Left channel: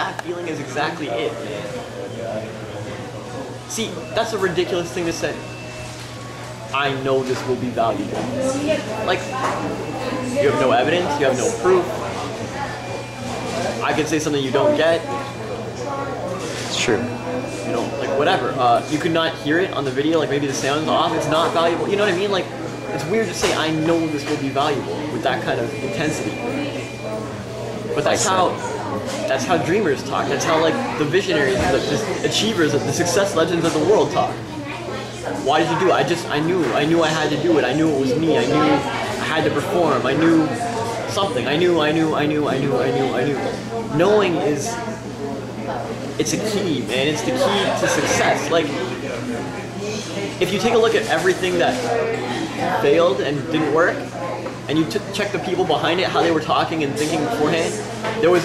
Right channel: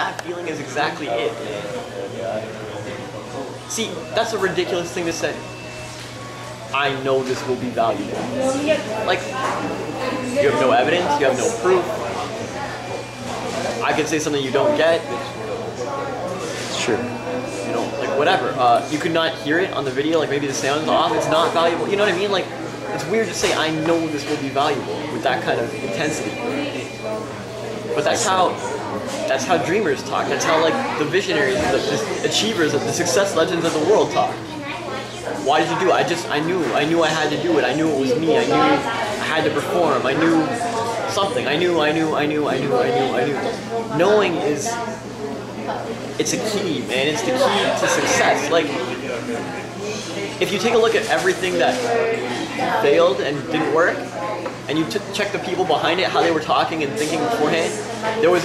that feeling is exactly it, man. See, that's a ridiculous thing to say. I know this will be valuable. Like, you have no evidence, you have no proof. I could say something you don't get. It's true. You know, like whatever. You could not hear it on the video, like maybe the sound's off, it's not valuable. You know what I mean? Like, it's weird to say I know this will be valuable with that kind of intensity. But that's how dreamers talk. That's how like the visionaries, the achievers, the success legends of the world talk. Why did you do it? I knew I had to do it. I knew it was me. I knew I had to perform. I knew something. I knew. Knowing it's a key, man. It's the key to success. Like, if you take a look at everything that failed and didn't work, and you check the people behind it, how they were talking and thinking beforehand, there was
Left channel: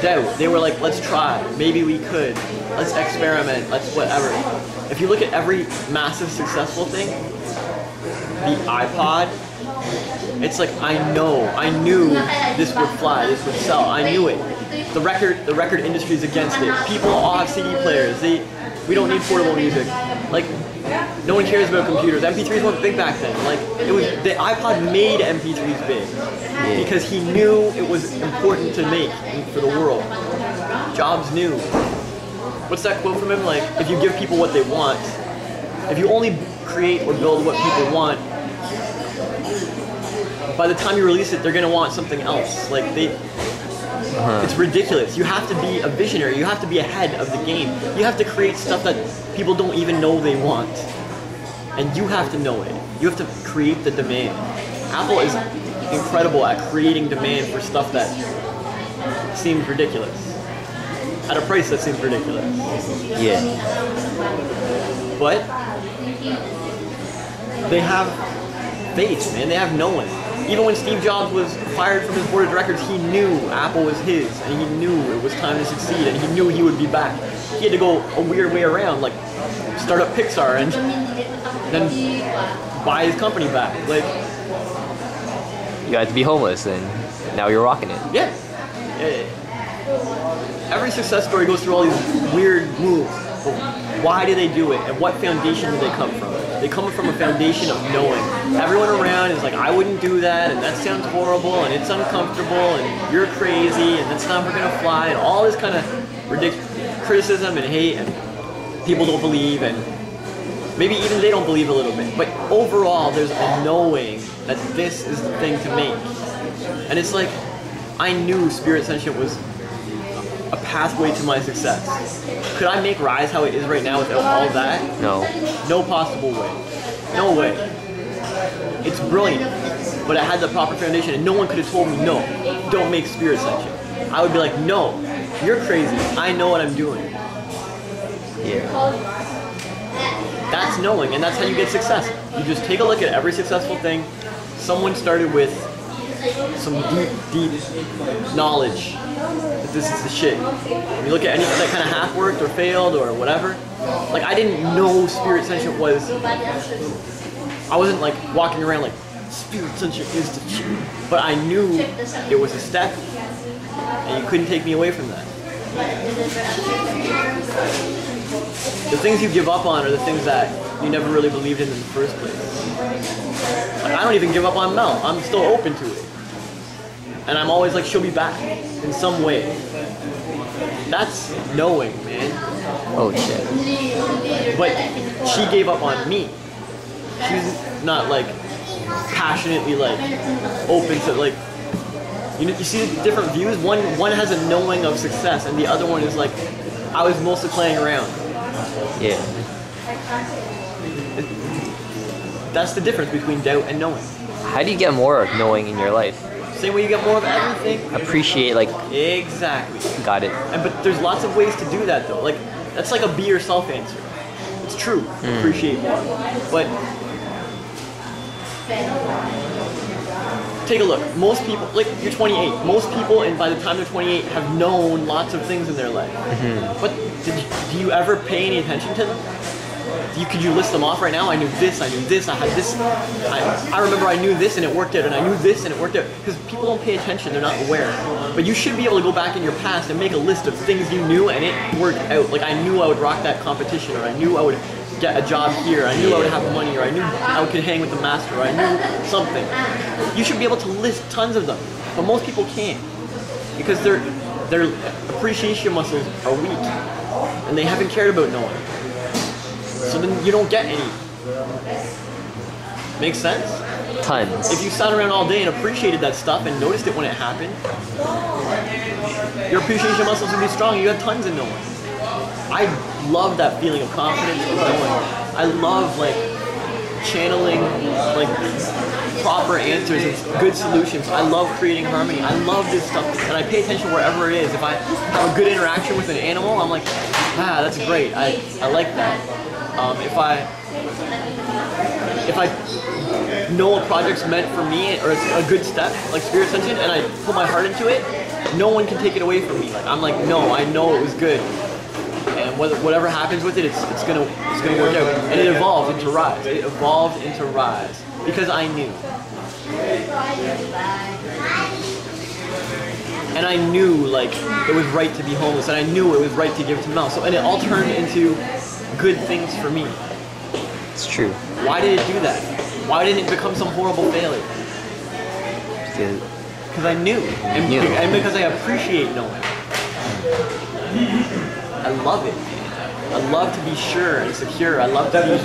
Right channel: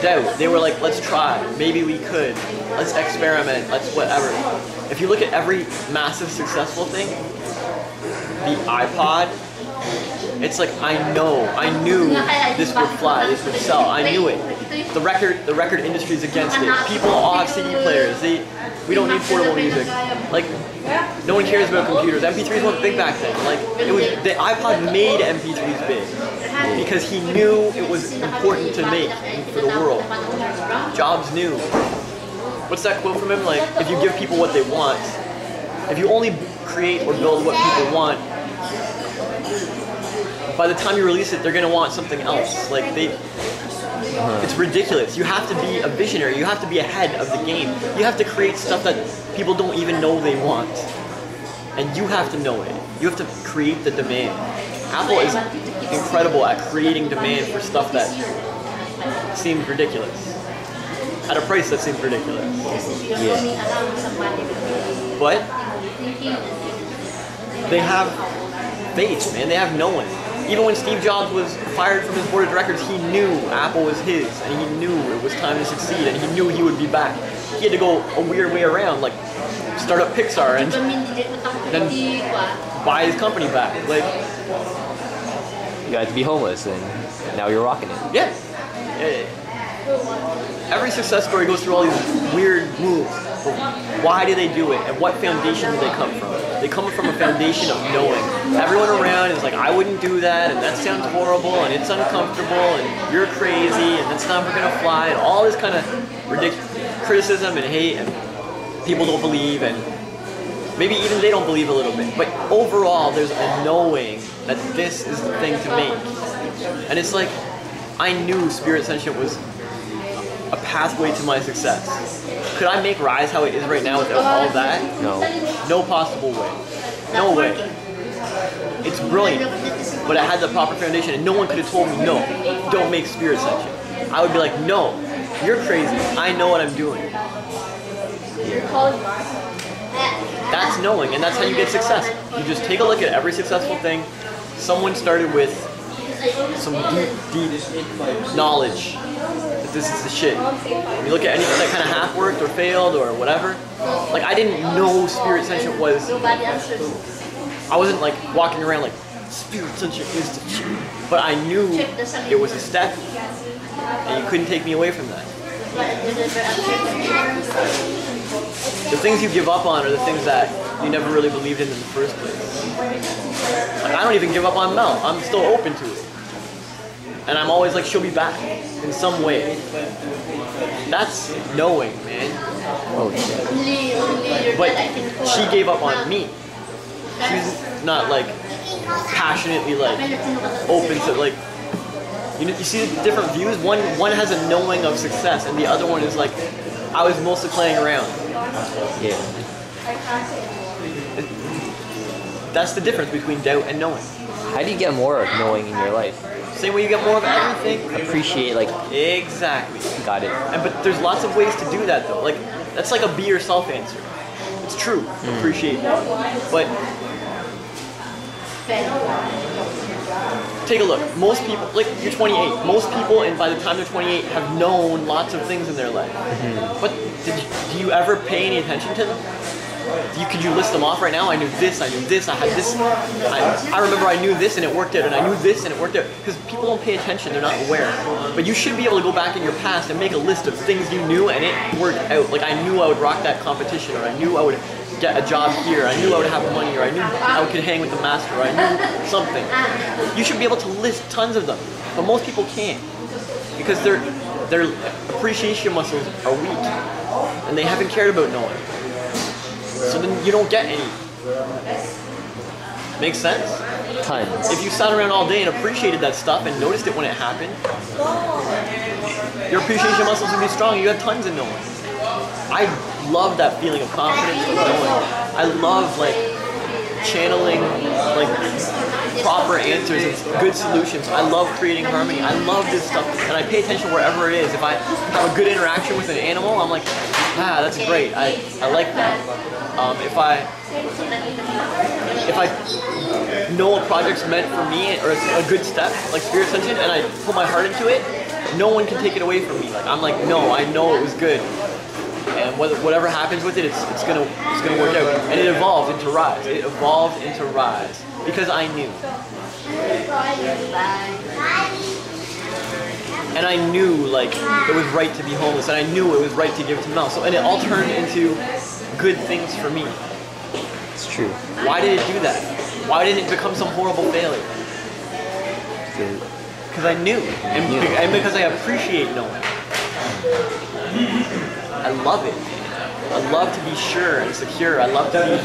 doubt. They were like, let's try, maybe we could, let's experiment, let's whatever. If you look at every massive successful thing, the iPod, it's like, I knew this would fly, this would sell, I knew it. The record industry is against it. People all have CD players. We don't need portable music. Like, no one cares about computers. MP3s weren't big back then. Like, the iPod made MP3s big because he knew it was important to make for the world. Jobs knew. What's that quote from him? Like, if you give people what they want, if you only create or build what people want, by the time you release it, they're gonna want something else. Like it's ridiculous. You have to be a visionary. You have to be ahead of the game. You have to create stuff that people don't even know they want. And you have to know it. You have to create the demand. Apple is incredible at creating demand for stuff that seems ridiculous. At a price that seems ridiculous. Yeah. But they have faith, man. They have knowing. Even when Steve Jobs was fired from his board of directors, he knew Apple was his, and he knew it was time to succeed, and he knew he would be back. He had to go a weird way around, like start up Pixar and then buy his company back. Like, you had to be homeless, and now you're rocking it. Yeah. Every success story goes through all these weird moves. But why do they do it, and what foundation do they come from? They come from a foundation of knowing. Everyone around is like, I wouldn't do that, and that sounds horrible, and it's uncomfortable, and you're crazy, and that's never gonna fly, and all this kind of ridiculous criticism and hate, and people don't believe, and maybe even they don't believe a little bit. But overall, there's a knowing that this is the thing to make. And it's like, I knew Spirit Sentient was a pathway to my success. Could I make Rise how it is right now without all of that? No. No possible way. No way. It's brilliant, but I had the proper foundation, and no one could have told me, no, don't make Spirit Sentient. I would be like, no, you're crazy. I know what I'm doing. Yeah. That's knowing, and that's how you get success. You just take a look at every successful thing. Someone started with some deep knowledge that this is the shit. When you look at anything that kind of half worked or failed or whatever, like, I didn't know Spirit Sentient was, I wasn't like walking around like, Spirit Sentient is the shit. But I knew it was a step, and you couldn't take me away from that. The things you give up on are the things that you never really believed in the first place. Like, I don't even give up on Mel. I'm still open to it. And I'm always like, she'll be back in some way. That's knowing, man. Oh shit. But she gave up on me. She's not like passionately like open to like, you see the different views? One has a knowing of success, and the other one is like, I was mostly playing around. Yeah. That's the difference between doubt and knowing. How do you get more of knowing in your life? Same way you get more of everything. Appreciate, like... Exactly. Got it. But there's lots of ways to do that, though. Like, that's like a be yourself answer. It's true. Appreciate more. But take a look. Most people, like, you're 28. Most people, and by the time they're 28, have known lots of things in their life. But do you ever pay any attention to them? Could you list them off right now? I knew this, I had this. I remember I knew this and it worked out, and I knew this and it worked out. Because people don't pay attention, they're not aware. But you should be able to go back in your past and make a list of things you knew and it worked out. Like, I knew I would rock that competition, or I knew I would get a job here, I knew I would have money, or I knew I could hang with the master, or I knew something. You should be able to list tons of them. But most people can't. Because their appreciation muscles are weak. And they haven't cared about knowing. So then you don't get any. Makes sense? Tons. If you sat around all day and appreciated that stuff and noticed it when it happened, your appreciation muscles would be strong. You have tons of knowing. I love that feeling of confidence of knowing. I love like channeling like proper answers and good solutions. I love creating harmony. I love this stuff, and I pay attention wherever it is. If I have a good interaction with an animal, I'm like, that's great. I like that. If I know a project's meant for me, or it's a good step, like Spirit Ascension, and I put my heart into it, no one can take it away from me. Like, I'm like, no, I know it was good. And whatever happens with it, it's gonna work out. And it evolved into Rise. It evolved into Rise because I knew. And I knew like it was right to be homeless, and I knew it was right to give to Mel. So, and it all turned into good things for me. It's true. Why did it do that? Why didn't it become some horrible failure? Because I knew, and because I appreciate knowing. I love it. I love to be sure and secure. I love to be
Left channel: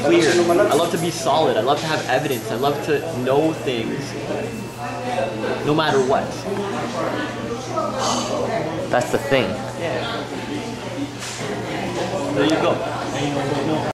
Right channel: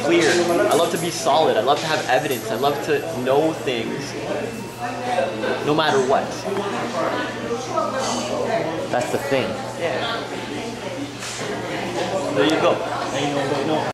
clear. I love to be solid. I love to have evidence. I love to know things no matter what. That's the thing. Yeah. There you go.